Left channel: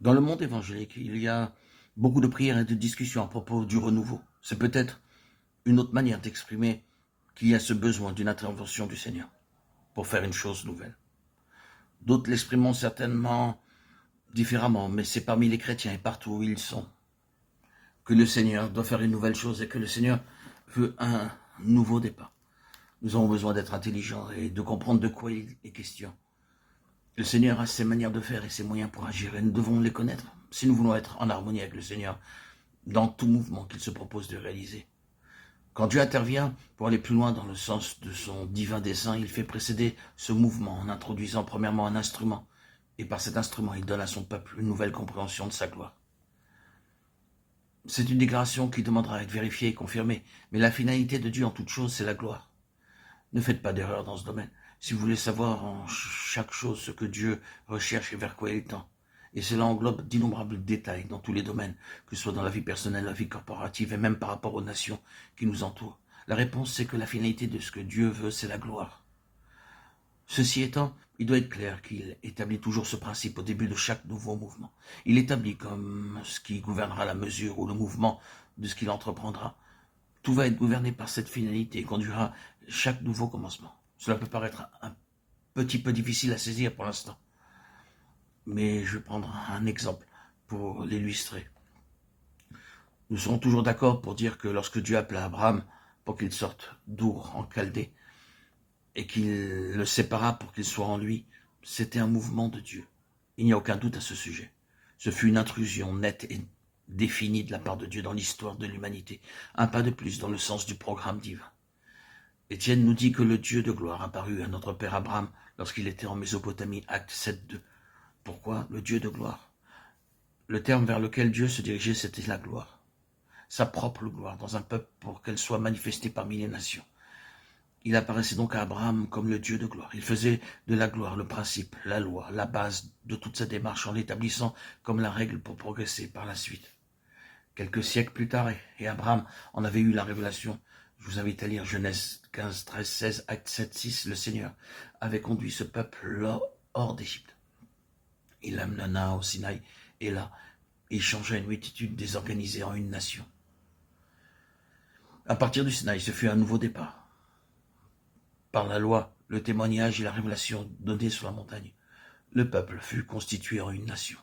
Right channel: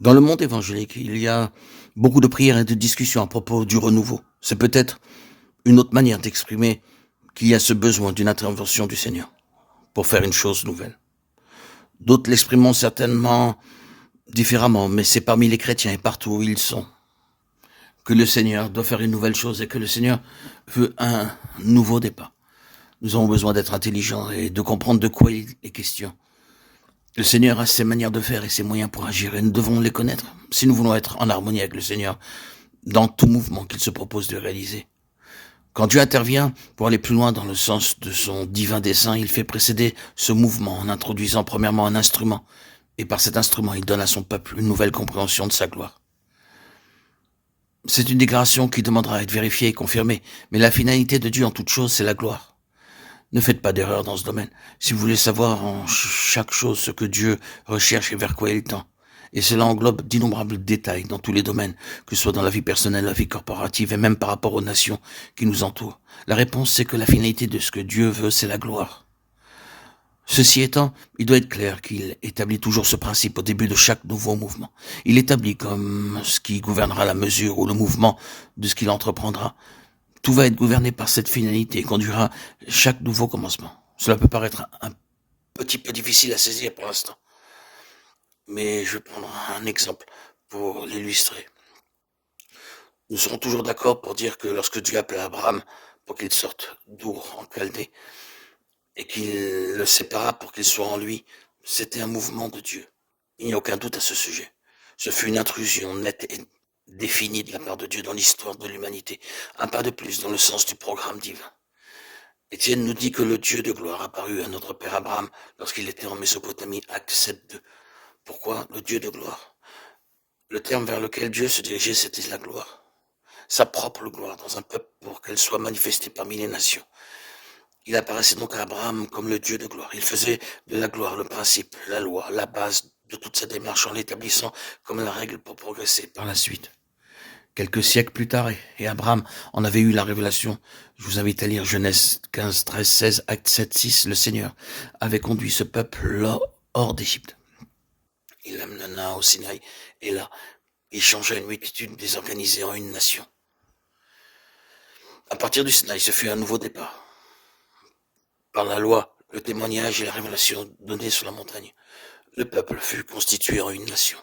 Dans le monde évangélique, il y a beaucoup de prières et de discussions à propos du renouveau. C'est peut-être une autre manière d'exprimer qu'il y a ce besoin d'une intervention du Seigneur pour faire une chose nouvelle. D'autres l'exprimeront certainement différemment, mais c'est parmi les chrétiens et partout où ils sont que le Seigneur doit faire une nouvelle chose et que le Seigneur veut un nouveau départ. Nous avons besoin d'être intelligents et de comprendre de quoi il est question. Le Seigneur a ses manières de faire et ses moyens pour agir et nous devons les connaître si nous voulons être en harmonie avec le Seigneur dans tout mouvement qu'il se propose de réaliser. Quand Dieu intervient pour aller plus loin dans le sens de son divin dessein, il fait précéder ce mouvement en introduisant premièrement un instrument et par cet instrument, il donne à son peuple une nouvelle compréhension de sa gloire. C'est une déclaration qui demandera à être vérifiée et confirmée, mais la finalité de Dieu en toute chose, c'est la gloire. Ne faites pas d'erreur dans ce domaine. Si vous voulez savoir en chaque chose ce que Dieu recherche et vers quoi il tend, et cela englobe d'innombrables détails dans tous les domaines, que ce soit dans la vie personnelle, la vie corporative et même par rapport aux nations qui nous entourent. La réponse, c'est que la finalité de ce que Dieu veut, c'est la gloire. Ceci étant, il doit être clair qu'il établit toujours ce principe au début de chaque nouveau mouvement. Il établit comme ce qui gouvernera la mesure ou le mouvement de ce qu'il entreprendra. Tout va être gouverné par cette finalité et conduira chaque nouveau commencement. Cela peut paraître un petit peu difficile à saisir pour l'instant, mais je vais prendre un exemple pour l'illustrer. Nous serons toujours d'accord pour dire que lorsque Dieu appela Abraham pour qu'il sorte d'Our en Chaldée et qu'il le sépara pour qu'il soit en lui, c'était un mouvement de Dieu. Il n'y a aucun doute à ce sujet. Ce fut une intrusion nette et définie de la part de Dieu dans l'histoire de l'humanité. Un pas de plus dans le sens du programme divin. Étienne nous dit que le Dieu de gloire apparut à notre père Abraham lorsqu'il était en Mésopotamie, acte 7.2. Pourquoi le Dieu de gloire? Le terme vers lequel Dieu se dirigeait, c'était la gloire. Sa propre gloire dans un peuple pour qu'elle soit manifestée parmi les nations. Il apparaissait donc à Abraham comme le Dieu de gloire. Il faisait de la gloire le principe, la loi, la base de toute sa démarche en l'établissant comme la règle pour progresser par la suite. Quelques siècles plus tard, et Abraham en avait eu la révélation, je vous invite à lire Genèse 15, 13, 16, Acte 7, 6, le Seigneur avait conduit ce peuple hors d'Égypte. Il l'amena au Sinaï, et là, il changea une multitude désorganisée en une nation. À partir du Sinaï, ce fut un nouveau départ. Par la loi, le témoignage et la révélation donnée sur la montagne, le peuple fut constitué en une nation.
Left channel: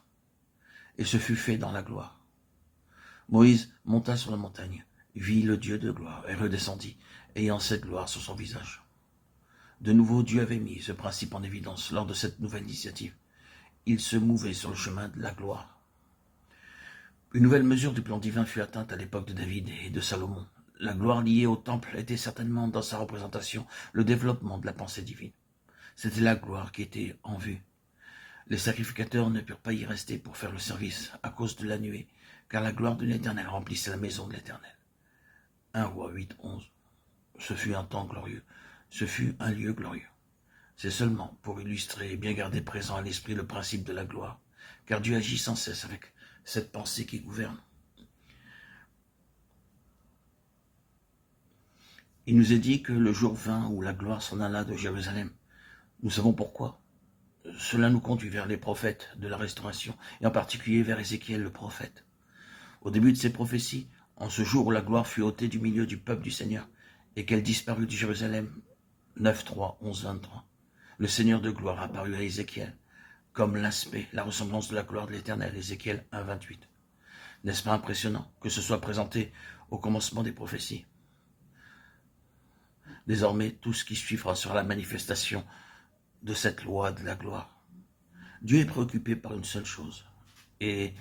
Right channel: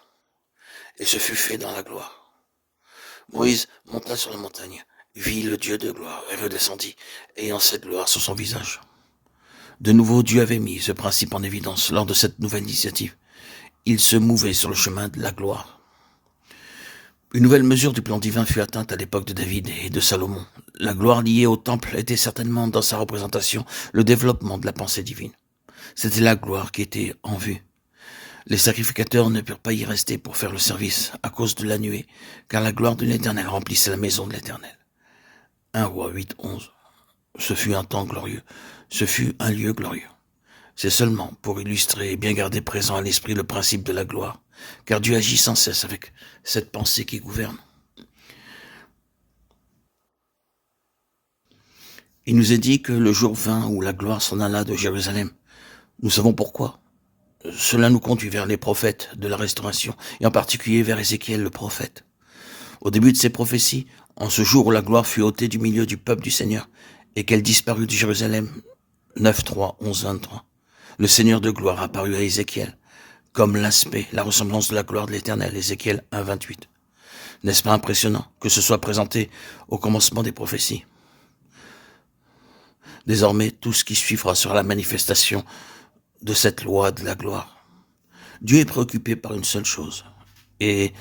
Et ce fut fait dans la gloire. Moïse monta sur la montagne, vit le Dieu de gloire et redescendit, ayant cette gloire sur son visage. De nouveau, Dieu avait mis ce principe en évidence lors de cette nouvelle initiative. Il se mouvait sur le chemin de la gloire. Une nouvelle mesure du plan divin fut atteinte à l'époque de David et de Salomon. La gloire liée au temple était certainement dans sa représentation le développement de la pensée divine. C'était la gloire qui était en vue. Les sacrificateurs ne purent pas y rester pour faire le service à cause de la nuée, car la gloire de l'Éternel remplissait la maison de l'Éternel. 1 Roi 8, 11. Ce fut un temps glorieux, ce fut un lieu glorieux. C'est seulement pour illustrer et bien garder présent à l'esprit le principe de la gloire, car Dieu agit sans cesse avec cette pensée qui gouverne. Il nous est dit que le jour vint où la gloire s'en alla de Jérusalem. Nous savons pourquoi. Cela nous conduit vers les prophètes de la Restauration, et en particulier vers Ézéchiel le prophète. Au début de ces prophéties, en ce jour où la gloire fut ôtée du milieu du peuple du Seigneur, et qu'elle disparut de Jérusalem, 9.3, 11.23, le Seigneur de gloire apparut à Ézéchiel, comme l'aspect, la ressemblance de la gloire de l'Éternel, Ézéchiel 1.28. N'est-ce pas impressionnant que ce soit présenté au commencement des prophéties? Désormais, tout ce qui suivra sera la manifestation de cette loi de la gloire. Dieu est préoccupé par une seule chose, et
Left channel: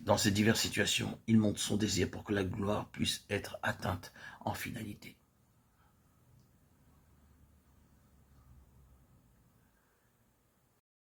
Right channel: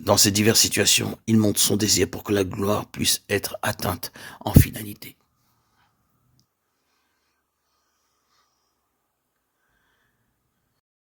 dans ces diverses situations, il montre son désir pour que la gloire puisse être atteinte en finalité.